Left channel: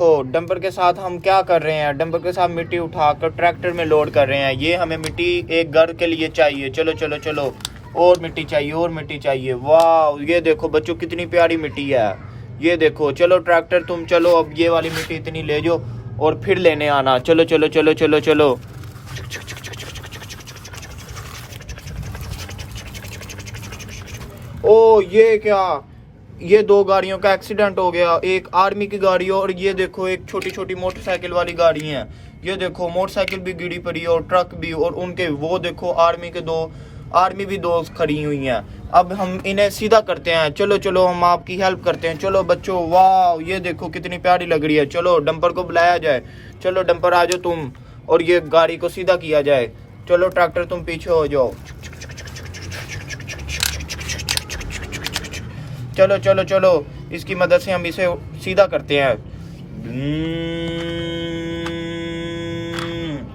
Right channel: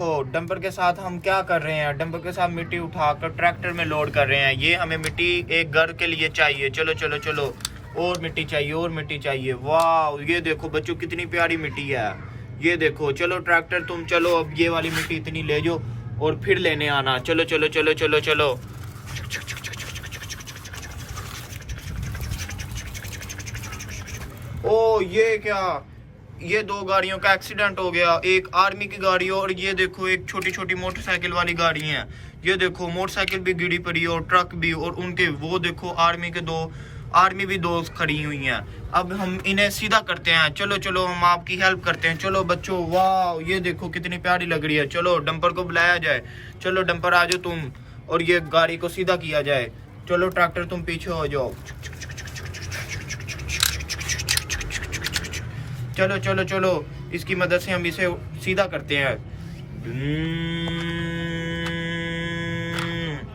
तो डंपर के साथ हम क्या कर रहे हैं, डंपर के साथ मिट्टी उठाकर ट्रैक्टर में लोड कर रहे हैं। ये हमें मिट्टी एक घर के लिए चाहिए। चलो चलो चलो, और मिट्टी चाहिए, और मिट्टी चाहिए। वाह, ये देखो बच्चों कितनी प्यारी मिट्टी है। ये देखो, चलो ट्रैक्टर तुम चलो, अब ये वाली मिट्टी इतनी ले जाओ और फिर लेने आना। चलो चलो चलो चलो चलो। ओ ये क्या, ये दो गाड़ियों का एक्सीडेंट हो गया, एक आर्मी की गाड़ी और ये देखो एक छोटी छोटी मोटरसाइकिल वाली गाड़ी है। ये देखो मोटरसाइकिल भी गिरी पड़ी है और ट्रक भी, और उनके वो देखो आर्मी भी दो खड़ी हुई हैं। अब हम इन्हें सीधा करते हैं। चलो चलो, हम आपकी हेल्प करते हैं। चलो बच्चों, वाह ये देखो कितनी प्यारी लग रही है। चलो डंपर को बुलाया जाए। चलो डंपर आ जाओ तुम, और ये गाड़ी को सीधा किया जाए। चलो ट्रैक्टर तुम पीछे हो जाओ। चलो चलो चलो, इसकी मदद से हम इसे सीधा करते हैं।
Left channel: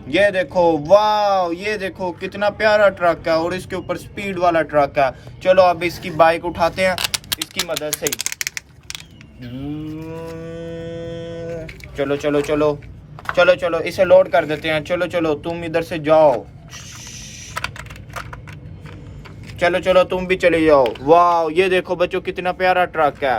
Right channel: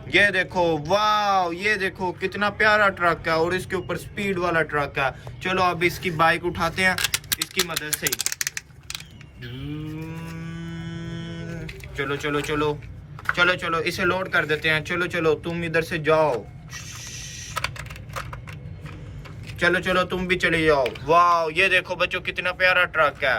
ये देखो, वाह ये देखो कितना प्यारा ट्रक है, और इसके ऊपर स्पीड वाला ट्रक है। चलो अब इसकी बाइक उठाते हैं इसकी मदद से। चलो चलो चलो चलो चलो, इसे लोड कर देते हैं। चलो चलो तुम इधर से जाओ। चलो चलो तुम भी चले जाओ। वाह ये देखो बच्चों कितना प्यारा ट्रक है।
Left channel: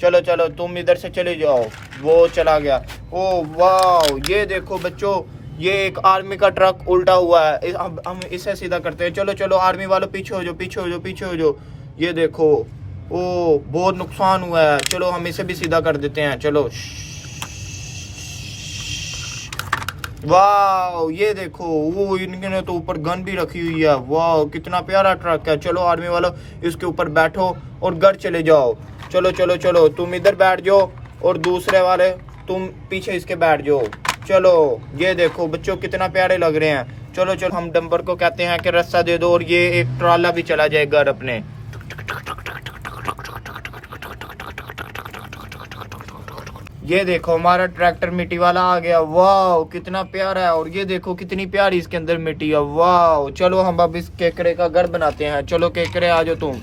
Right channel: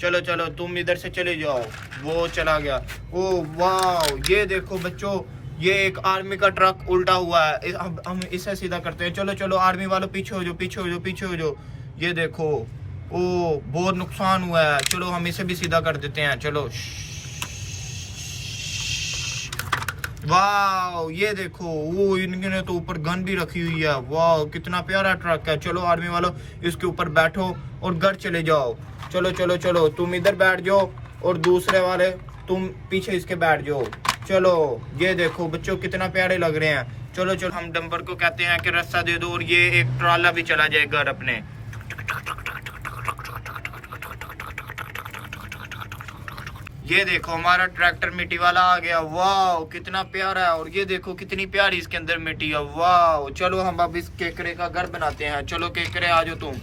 चलो चलो तुम इधर से चले जाओ। वो चला गया। ओ वाह ये देखो बच्चों, ये एक आर्मी का ट्रक उल्टा हुआ है। अब हम इसे सीधा करते हैं। चलो चलो आर्मी वालों पीछे हो जाओ, पीछे हो जाओ, पीछे हो जाओ। ये देखो, ओ बहुत नुकसान हुआ है। चलो हम इसे भी सीधा कर देते हैं। चलो, वाह ये देखो, वो इनके तो ऊपर गन भी रखी हुई है। वाह कितना प्यारा ट्रक है। चलो आर्मी वालों इसके ऊपर बैठो और घर चले जाओ। चलो चलो चलो, तुम इधर बैठ जाओ और दूसरे वाले तुम पीछे इसके बैठ जाओ। चलो ये देखो बच्चों कितना प्यारे लग रहे हैं। चलो चलो, हम डंपर को कहते हैं कि रास्ता दे दो, और ये एक ट्राला भी चला जाए घर अपने। ये देखो हमारा ट्रैक्टर मिट्टी वाला आ गया। वाह कितना प्यारा है, और ये देखो कितनी प्यारी इसके अंदर मिट्टी है। वाह चलो हम अब इस केकरे का घर बनाते हैं। चलो केकरे आ जाओ तुम।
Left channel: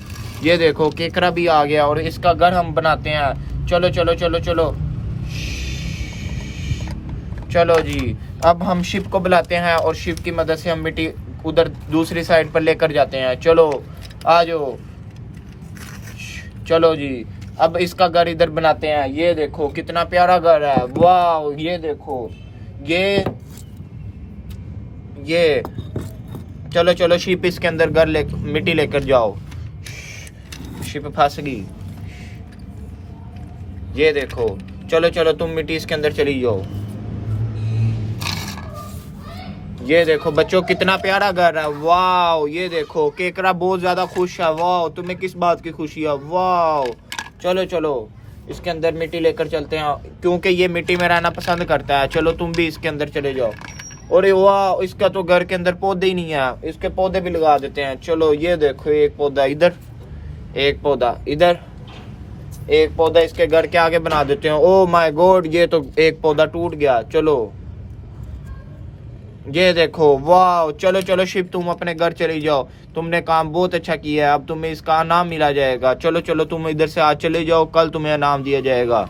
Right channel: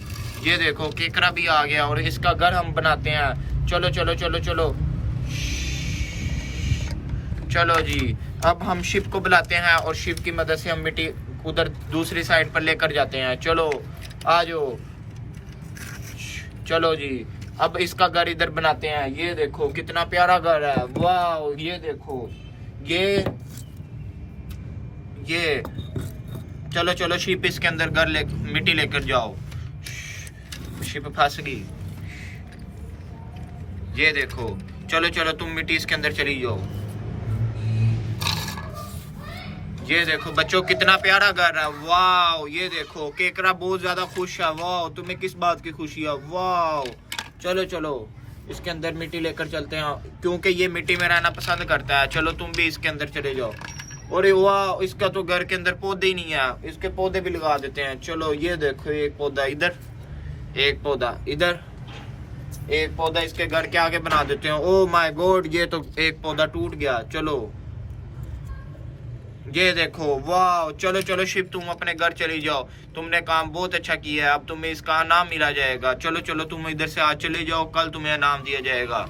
ये देखो केकरा भी आ गया, और इसका घर हम बनाते हैं। चलो चलो चलो चलो चलो जी, अब हम शिप को बुलाते हैं, और शिप की मदद से हम मिट्टी उधर दूसरी साइड पर लेकर जाते हैं। चलो आ जाओ। चलो जी, अब इसका घर इधर बनाते हैं। ये देखो कितना प्यारा घर है। वाह ये देखो, ये चलो चलो शिप इसके अंदर घर ले मिट्टी लेकर जाओ। शिप फंस गई। ये देखो, चलो चलो तुम मिट्टी इसके अंदर चली जाओ। ये देखो बच्चों कितना प्यारा घर है। वाह ये देखो केकरा बहुत ज्यादा खुश है। वाह तुम्हें किस बात की खुशी है? वाह चलो चलो इसके अंदर मिट्टी लेकर चलते हैं, क्योंकि ये मिट्टी में रहना पसंद करता है। चलो तुम भी इसके अंदर चले जाओ। और वाह इसका तो घर के अंदर पौधे ही नहीं है, इसके पौधे भी लगा देते हैं। चलो ये देखो, एक पौधा इधर, एक पौधा इधर, एक पौधा इसके घर के आगे बना देते हैं। ओ माय गॉड, ये तो एक पौधा टूट गया। चलो ये देखो, वाह चलो चलो शिप तुम अपने घर चले जाओ। तुमने काम बहुत अच्छा किया है, अब तुम्हें इसका इनाम मिला जाएगा। चलो चलो तुम इधर से आज चले जाओ, कल तुम्हें इनाम दिया जाएगा।